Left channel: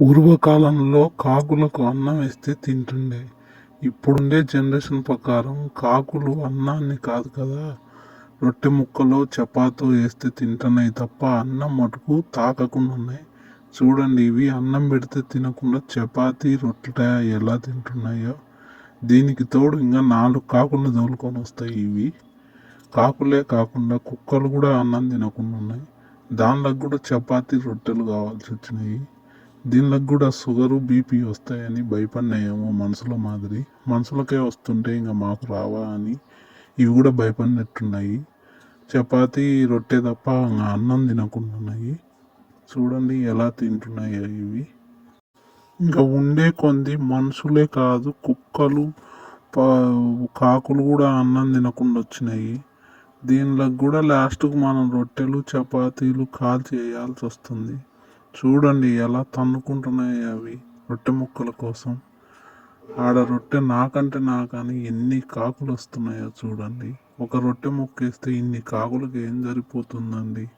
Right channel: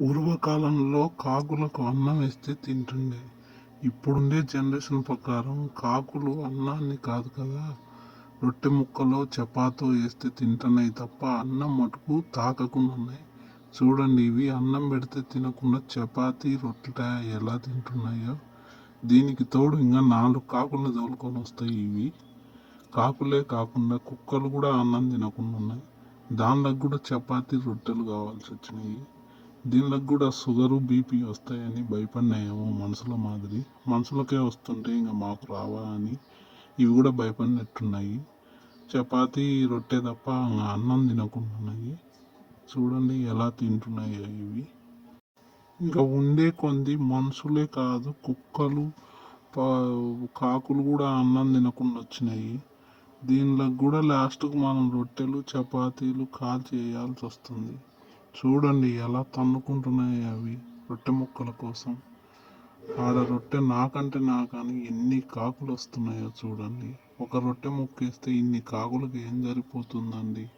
పూర్వకాలంలో కాకులకు అన్నం వేస్తే తింటుండే. ఇప్పుడుండే జనరేషన్ ప్రకారం కాకులు అన్నాన్ని కాదు కదా. రొట్టె ముక్కలు చపాతో వేస్తే తింటున్నాయి తప్ప అన్నం మటుకు తాకకుండా ఉన్నాయి చూడండి ఇవి అన్నం పెడితే తినకుండా చపాతీ రొట్టె ఎలా తింటున్నాయో. దీనికి తోడు ఇంకా నాలుగు కాకులు తోలుకొని వస్తాయి ఇవి. కాకులే కాకుండా కుక్కలు కూడా అన్నం తినకుండా ఉన్నాయి దానిలో కూడా చపాతీ రొట్టెలు కావాల్సి వచ్చినాయి. దీనిలోకి కూడా షుగరు బీపీ వస్తాయని భయపడినాయేమో మనుషుల మాదిరి. మనుషులకే వస్తుంటే ఇంకా మాకు రావా అని ఇవి కూడా భయపడినట్టున్నాయి. చపాతీ రొట్టె తప్ప ఇంకా అన్నం తినకుండా ఉన్నాయి. చూడండి ఎలా తింటున్నాయో ఇవి. ఇంకా ఉండే కొంది మనుషులే కాదు కుక్కలు కాకులు కూడా అన్నం తినకుండా వచ్చినాయి. దీనిలో కూడా లాస్ట్కు మనం రొట్టెలు చపాతీలు కాల్చి వేయాల్సి వస్తుంది. చూడండి ఎలా తన్నుకుంటున్నాయి అవి రొట్టె ముక్కల కోసం. ఆడ రొట్టె నాకంటే నాకని ఎన్ని కాకులు వస్తున్నాయో చూడండి. ఒక రొట్టె ముక్కేస్తే ఇన్ని కాకులకి ఏం సరిపోతుందండి?